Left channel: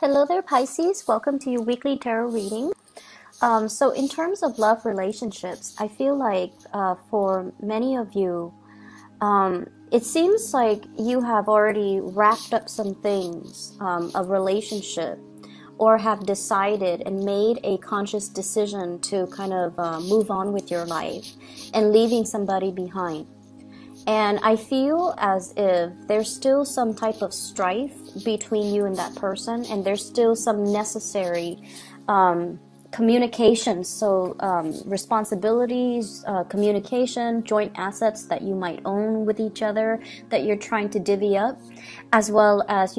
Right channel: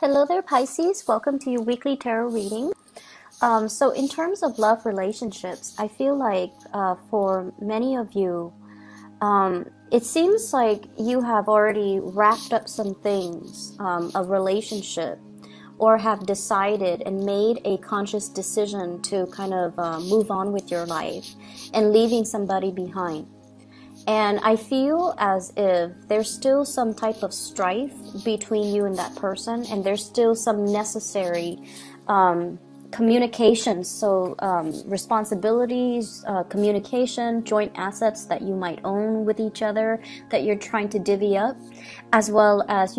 Hello there, Pisces. Welcome to your weekly tarot reading. So in terms of love relationships, I feel like for many of you, it seems like you have already wrapped up some things of relationship, or have decided and made a conscious decision to kind of move on with your life and leaving somebody behind. And I feel as if there's still some type of strife between you and that person, and there's still some necessary communication. So responsibilities, communication, joint assets that you might own with each other that you're trying to divvy up, as well as,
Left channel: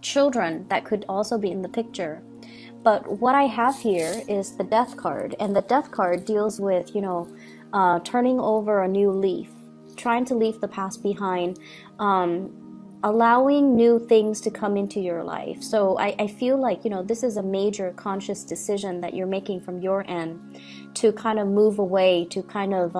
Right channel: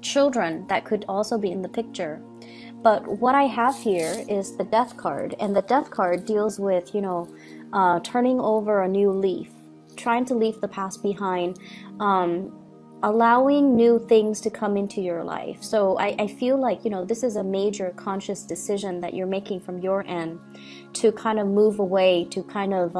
children that could also be in the picture. But what I have here is the Death card, and the Death card deals with, turning over a new leaf, trying to leave the past behind, allowing new things to come into your life. So I feel like, this is a major conscious decision that you're making from your end to kind of move away, to kind of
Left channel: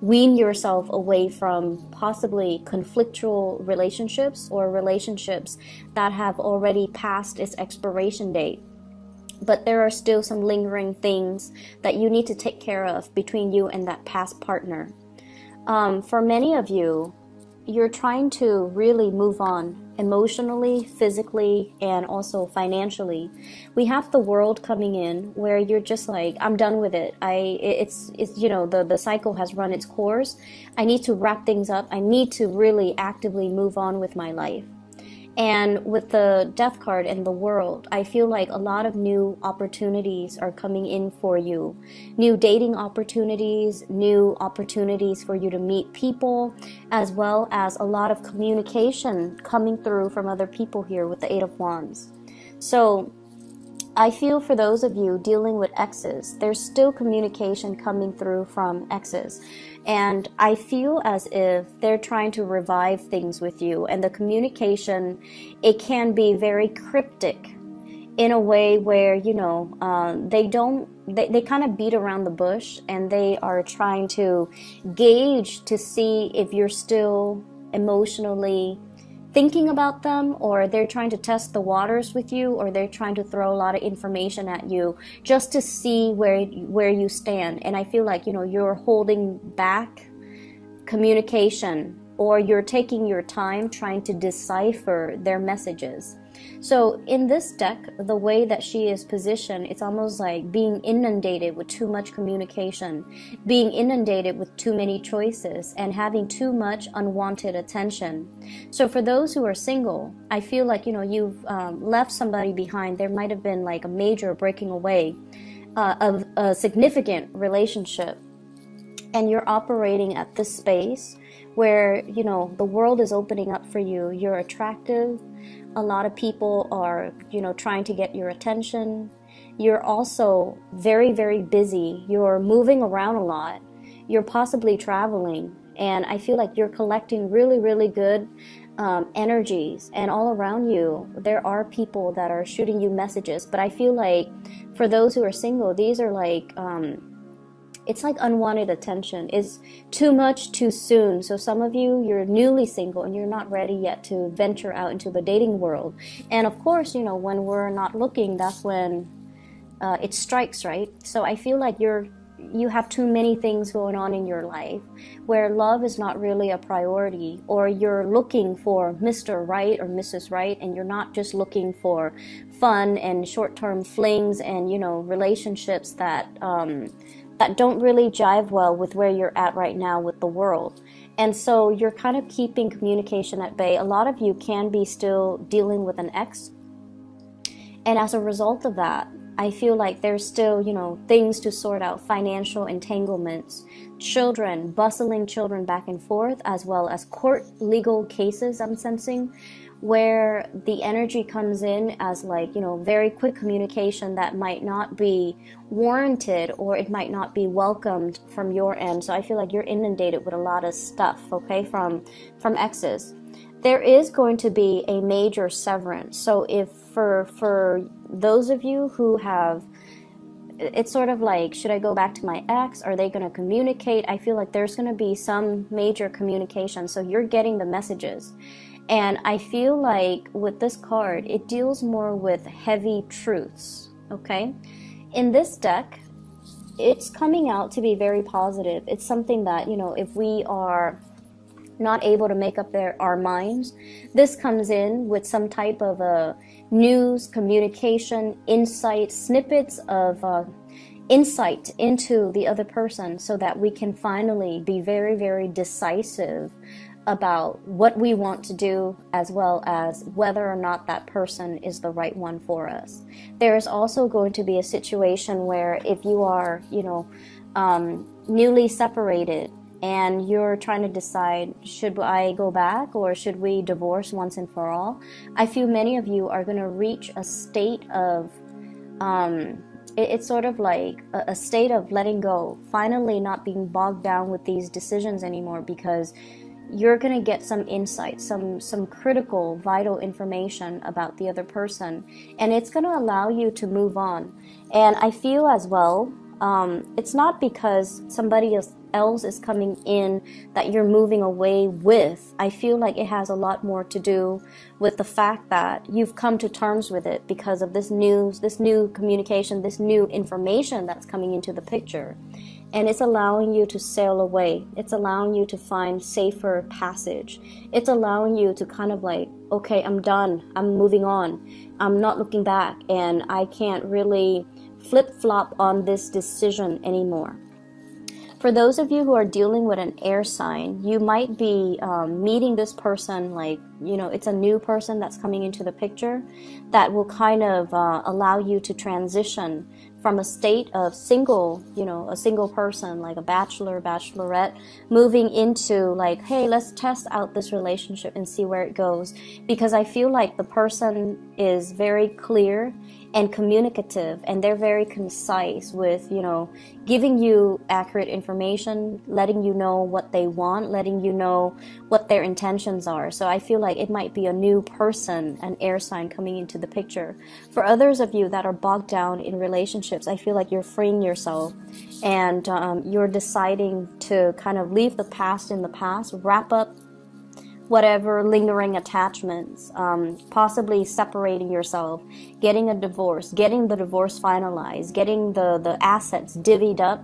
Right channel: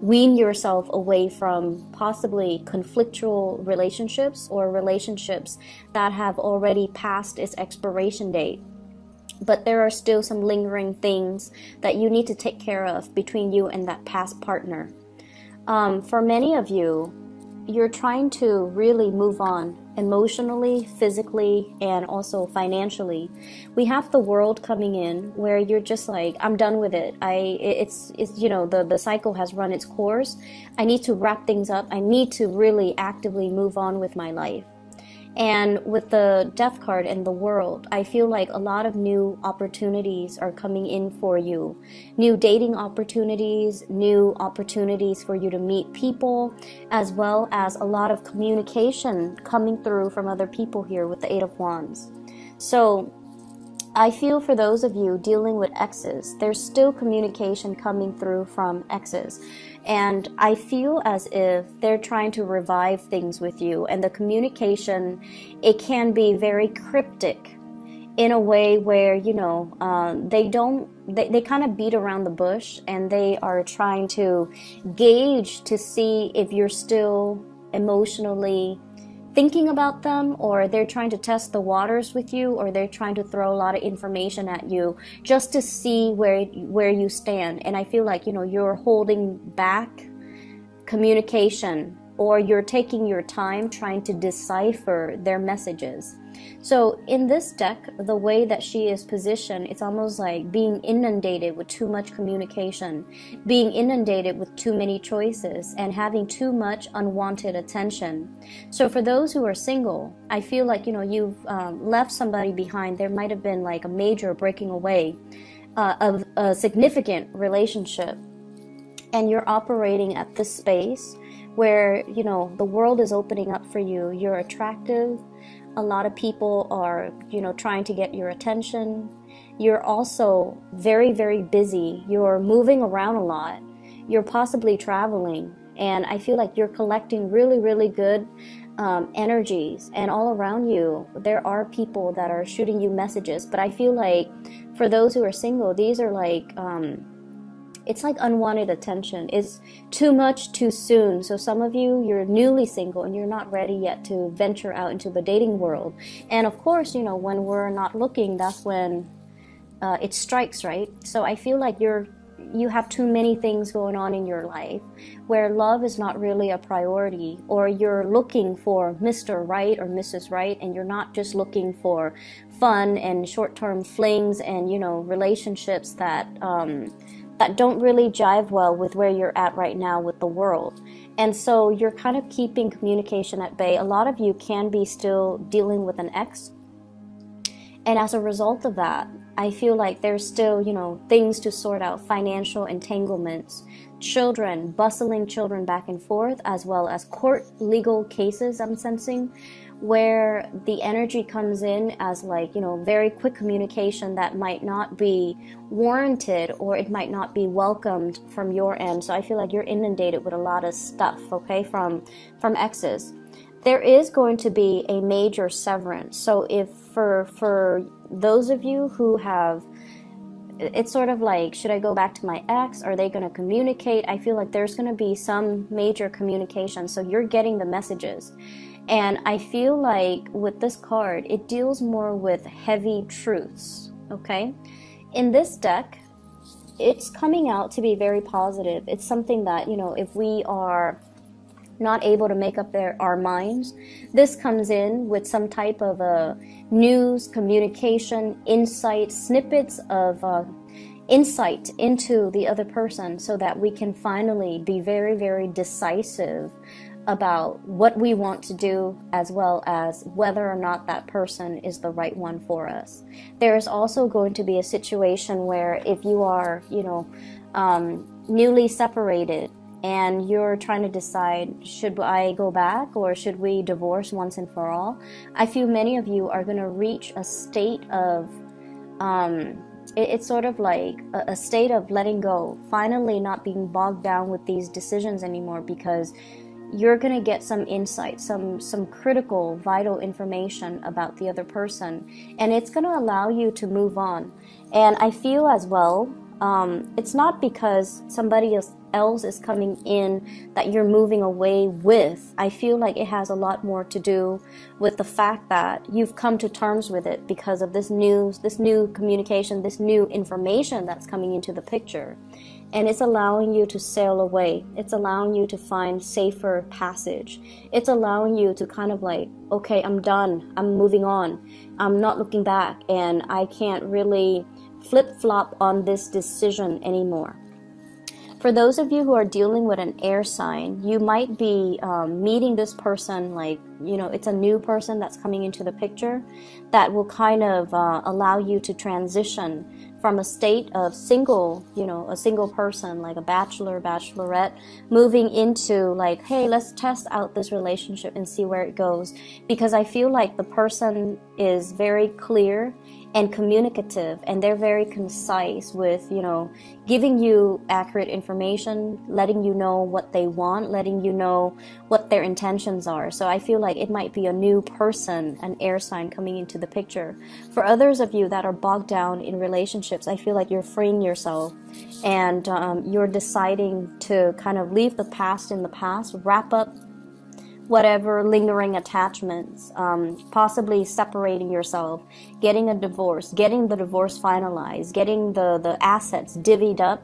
wean yourself away from possibly conflictual relationships or relationships that have already passed its expiration date. But there are still some lingering things that you need to take care of between you and that past partner. For many of you, you're trying to really move on emotionally, physically, and also financially. We have the World coming in where you're just like, I'm done with it. It's the cycle has run its course. I need to wrap things up. I need to really actively move on with my life. And with the Death card and the World, I feel like a lot of new opportunities are coming in for you. New dating opportunities, new opportunities for you to meet people, as well as a lot of communication coming through from other people here with the Eight of Wands. So I feel for those of you dealing with exes, there's still communication coming through from exes. And I feel as if they're trying to revive things with you. And the communication, it can be very cryptic in a way where, they kind of beat around the bush, and they are trying to gauge to see if you're still emotionally thinking about them, or they're trying to test the waters with you, or they're trying to throw a lot of information at you just to see where you stand. And I feel like, you're holding back communication, or you're taking your time trying to decipher their messages. So in this deck, the way that she is positioned, it's almost like being inundated with too much communication, being inundated with too many choices, and having too much unwanted attention. So for those who are single, I feel like, you've left somebody behind. There might have been like a major breaking away of a significant relationship, and you're operating at this space where, the world is opening up for you. You're attractive. A lot of people are, trying to get your attention. You're also very, very busy. You're moving around a lot. You're possibly traveling. And I feel like you're collecting really, really good energies. And all around you, there are people that are shooting you messages. But I feel like for those who are single, these are like, it's like unwanted attention. It's too much too soon. So some of you, you're newly single and you're not ready yet to venture out into the dating world. And of course, when we're not looking, that's when it strikes, right? So I feel like you have too many things going on in your life where love is not really a priority, or you're looking for Mr. Right or Mrs. Right, and you're not just looking for fun and short-term flings and, relationships that don't really jive well with where you're at right now with the world. And so you're kind of keeping communication at bay. A lot of you can be still dealing with an ex. And as a result of that, I feel like there's still, things to sort out, financial entanglements, children, bustling children back and forth, as well as court legal cases I'm sensing, where the energy comes in as like, very quick communication that might not be warranted, or it might not be welcomed from your end. So I feel like you're inundated with a lot of stuff, okay, from exes. There is going to be a major severance. So if for those of you who have, it's sort of like, should I go back to my ex? Are they going to communicate? I feel like there's going to be some major communication. So you're getting the messages. And I feel like with this card, it deals more with heavy truths, okay? In this deck, it's coming out to be very positive. It's something that, you know, if we are not able to make up our minds, this comes in with some type of news, communication, insight, snippets of insight into the other person, so that we can finally be very, very decisive about what we want to do, as well as whether or not that person is the right one for us. There's also going to be a situation where if you are, you know, newly separated and you're trying to decide, should I go back or should we divorce once and for all? I feel many of you are going to reach a state of, it's sort of like a state of letting go, finally not being bogged down with these decisions anymore, because you're going to get some insight, some critical, vital information about the other person, and it's going to allow you to move on. And I feel as well, it's not because somebody else is coming in that you're moving away with. I feel like it has a lot more to do with the fact that you've come to terms with it because of this news, this new communication, this new information that's coming into the picture. And it's allowing you to sail away. It's allowing you to find safer passage. It's allowing you to kind of like, okay, I'm done. I'm moving on. I'm not looking back. And I can't really flip-flop on this decision anymore. For those of you who are dealing with an air sign, you might be meeting this person, like, you know, it's a new person that's coming into the picture that will kind of allow you to transition from a state of single, you know, a single person, like a bachelor, bachelorette, moving into like, hey, let's test out this relationship and see where it goes. Because I feel like the person is very clear and communicative, and they're very concise with, you know, giving you accurate information, letting you know what they want, letting you know what their intentions are. So I feel like it might be a new person, an air sign coming into the picture. For others of you that are bogged down in relationships, I feel like you're freeing yourself, and you're deciding to kind of leave the past in the past, wrap up whatever lingering attachments, possibly separating yourself, getting a divorce, getting the divorce finalized, getting the assets divvied up,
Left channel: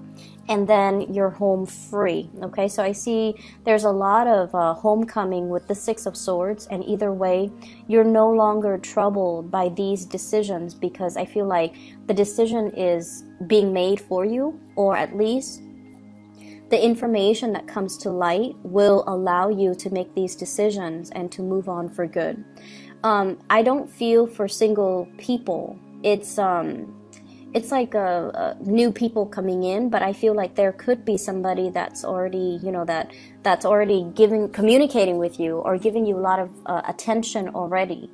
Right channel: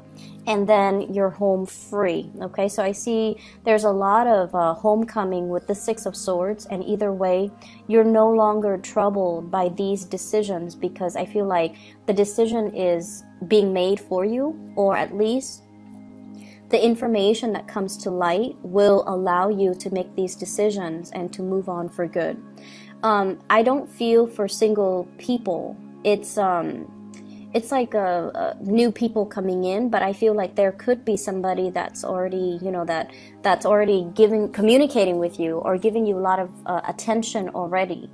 and then you're home free. Okay, so I see there's a lot of homecoming with the Six of Swords, and either way, you're no longer troubled by these decisions, because I feel like the decision is being made for you, or at least the information that comes to light will allow you to make these decisions and to move on for good. I don't feel for single people. It's like a new people coming in, but I feel like there could be somebody that's already, you know, that's already communicating with you or giving you a lot of attention already.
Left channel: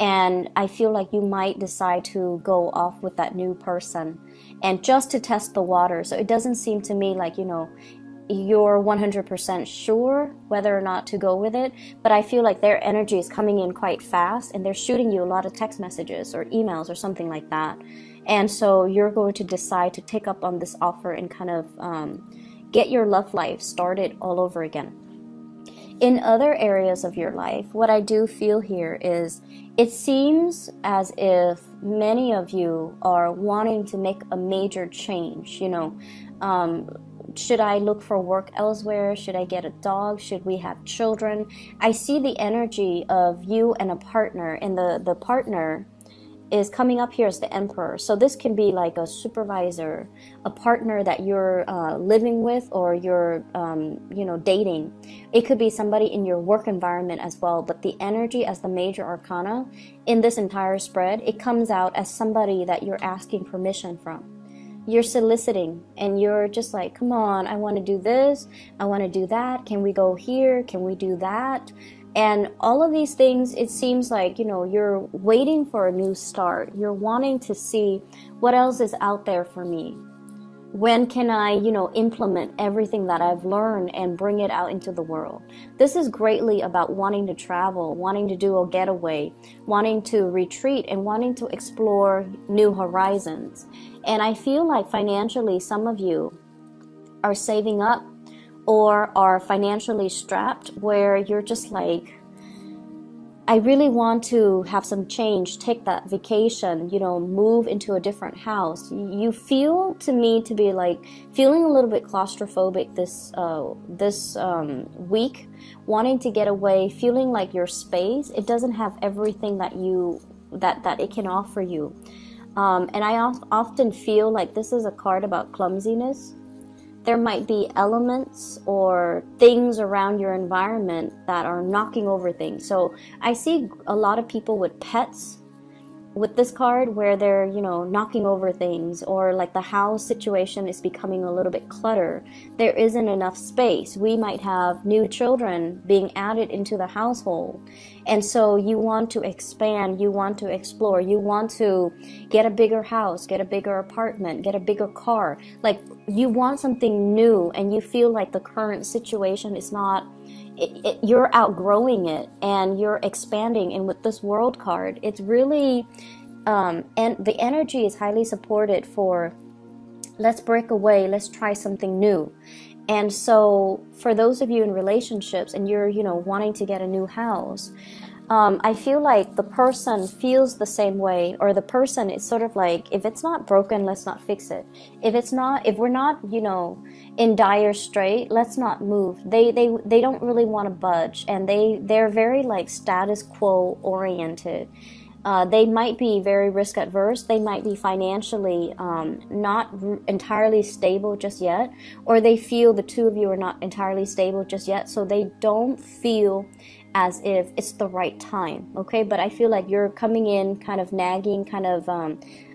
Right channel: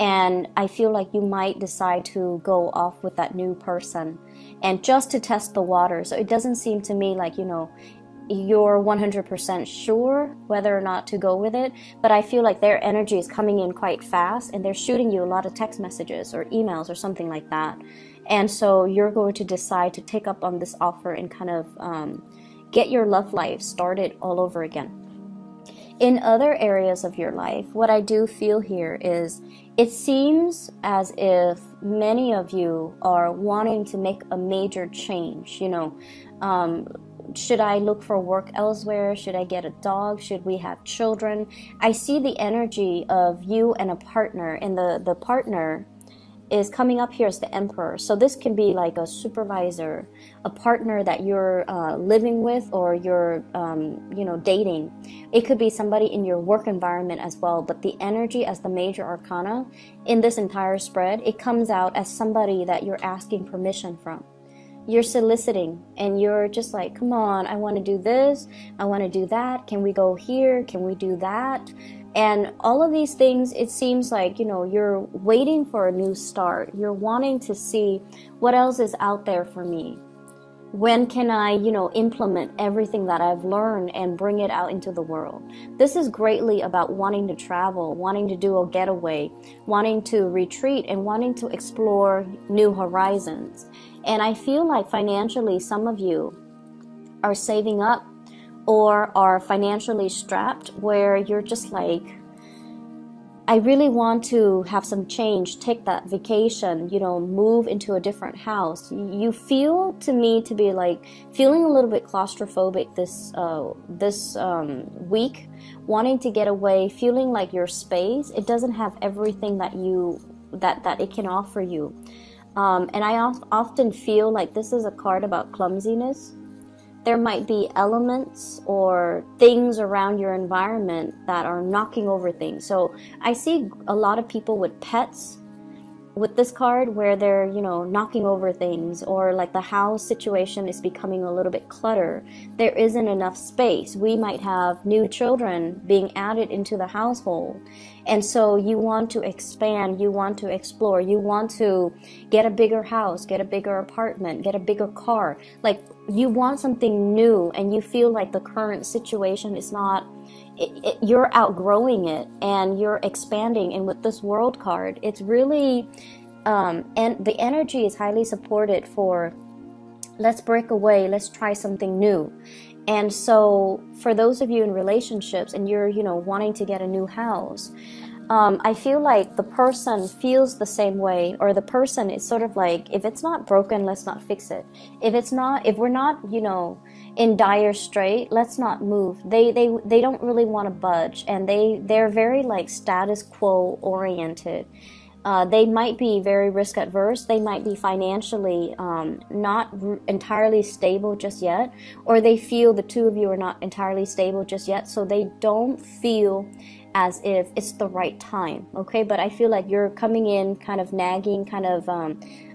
And I feel like you might decide to go off with that new person, and just to test the water. So it doesn't seem to me like, you know, you're 100% sure whether or not to go with it, but I feel like their energy is coming in quite fast, and they're shooting you a lot of text messages or emails or something like that. And so you're going to decide to take up on this offer and kind of get your love life started all over again. In other areas of your life, what I do feel here is, it seems as if many of you are wanting to make a major change. You know, should I look for work elsewhere? Should I get a dog? Should we have children? I see the energy of you and a partner, and the partner is coming up here as the Emperor. So this can be like a supervisor, a partner that you're living with, or you're, you know, dating. It could be somebody in your work environment as well. But the energy as the major arcana in this entire spread, it comes out as somebody that you're asking permission from. You're soliciting, and you're just like, come on, I want to do this, I want to do that, can we go here, can we do that? And all of these things, it seems like, you know, you're waiting for a new start. You're wanting to see what else is out there for me. When can I, you know, implement everything that I've learned and bring it out into the world? This is greatly about wanting to travel, wanting to do a getaway, wanting to retreat, and wanting to explore new horizons. And I feel like financially, some of you are saving up or are financially strapped, where you're just like, I really want to have some change, take that vacation, you know, move into a different house. You feel to me to be like feeling a little bit claustrophobic this week, wanting to get away, feeling like your space, it doesn't have everything that it can offer you. And I often feel like this is a card about clumsiness. There might be elements or things around your environment that are knocking over things. So I see a lot of people with pets with this card where they're, you know, knocking over things, or like the house situation is becoming a little bit cluttered. There isn't enough space. We might have new children being added into the household. And so you want to expand, you want to explore, you want to get a bigger house, get a bigger apartment, get a bigger car. Like you want something new, and you feel like the current situation is not, you're outgrowing it and you're expanding. And with this world card, it's really, and the energy is highly supported for, let's break away, let's try something new. And so for those of you in relationships and you're, you know, wanting to get a new house, I feel like the person feels the same way, or the person is sort of like, if it's not broken, let's not fix it. If we're not, you know, in dire strait, let's not move. They don't really want to budge, and they're very like status quo oriented. They might be very risk adverse. They might be financially not entirely stable just yet, or they feel the two of you are not entirely stable just yet, so they don't feel as if it's the right time, okay? But I feel like you're coming in kind of nagging, kind of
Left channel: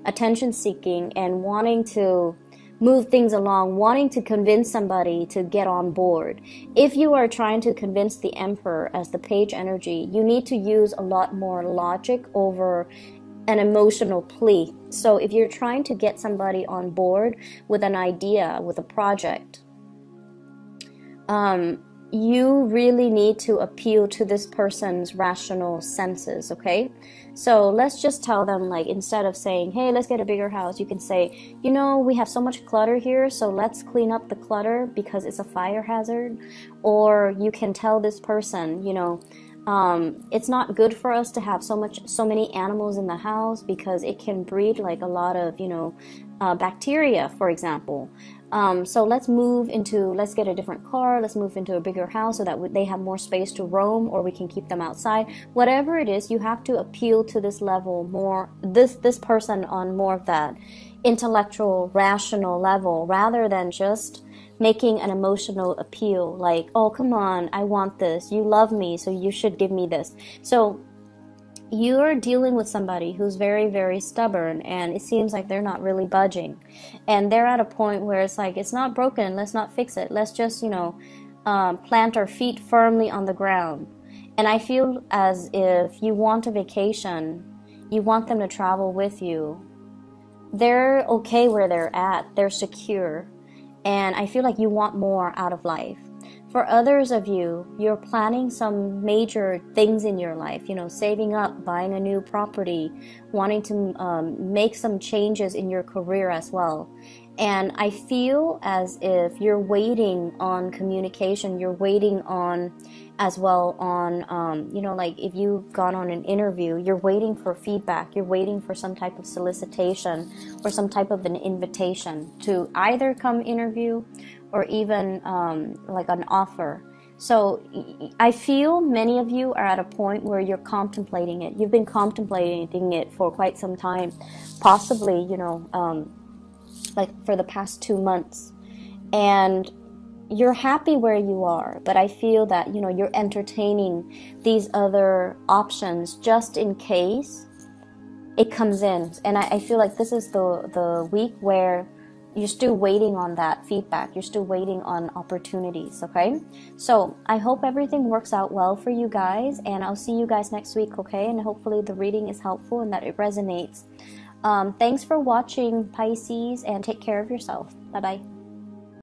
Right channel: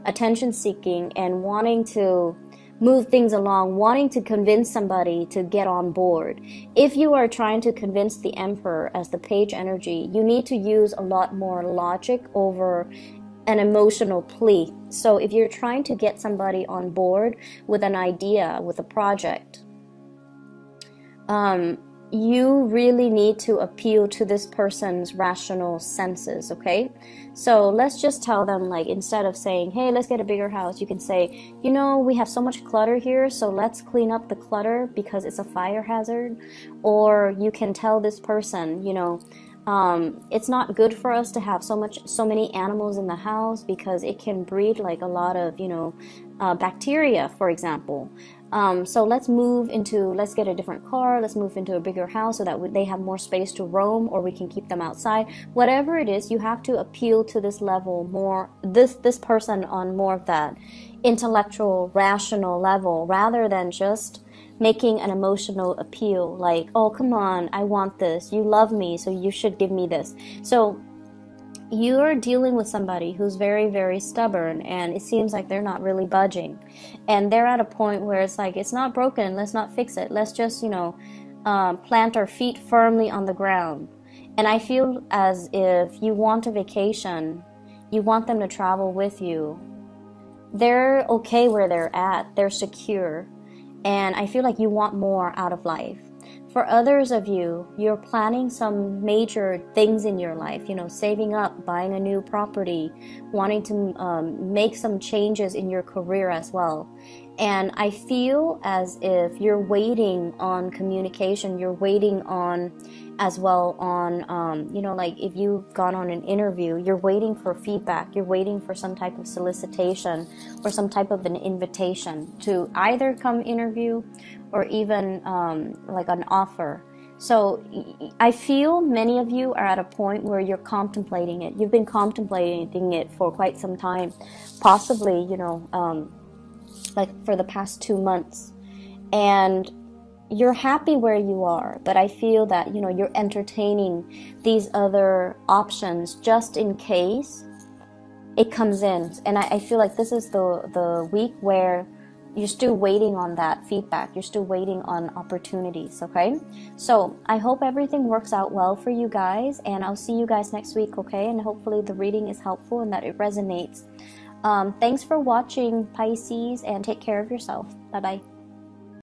attention seeking, and wanting to move things along, wanting to convince somebody to get on board. If you are trying to convince the Emperor as the page energy, you need to use a lot more logic over an emotional plea. So if you're trying to get somebody on board with an idea, with a project, you really need to appeal to this person's rational senses, okay? So let's just tell them, like, instead of saying, hey, let's get a bigger house, you can say, you know, we have so much clutter here, so let's clean up the clutter because it's a fire hazard. Or you can tell this person, you know, it's not good for us to have so many animals in the house because it can breed like a lot of, you know, bacteria, for example. So let's get a different car, let's move into a bigger house so that they have more space to roam, or we can keep them outside. Whatever it is, you have to appeal to this level more, this person on more of that intellectual, rational level, rather than just making an emotional appeal like, oh, come on, I want this, you love me, so you should give me this. So you're dealing with somebody who's very, very stubborn, and it seems like they're not really budging. And they're at a point where it's like, it's not broken, let's not fix it. Let's just, you know, plant our feet firmly on the ground. And I feel as if you want a vacation, you want them to travel with you. They're okay where they're at, they're secure. And I feel like you want more out of life. For others of you, you're planning some major things in your life, you know, saving up, buying a new property, wanting to make some changes in your career as well. And I feel as if you're waiting on communication, you're waiting on as well on, you know, like if you've gone on an interview, you're waiting for feedback, you're waiting for some type of solicitation or some type of an invitation to either come interview or even like an offer. So I feel many of you are at a point where you're contemplating it. You've been contemplating it for quite some time, possibly, you know, like for the past 2 months. And you're happy where you are, but I feel that, you know, you're entertaining these other options just in case it comes in. And I feel like this is the week where you're still waiting on that feedback. You're still waiting on opportunities, okay? So I hope everything works out well for you guys, and I'll see you guys next week, okay? And hopefully the reading is helpful and that it resonates. Thanks for watching, Pisces, and take care of yourself. Bye-bye.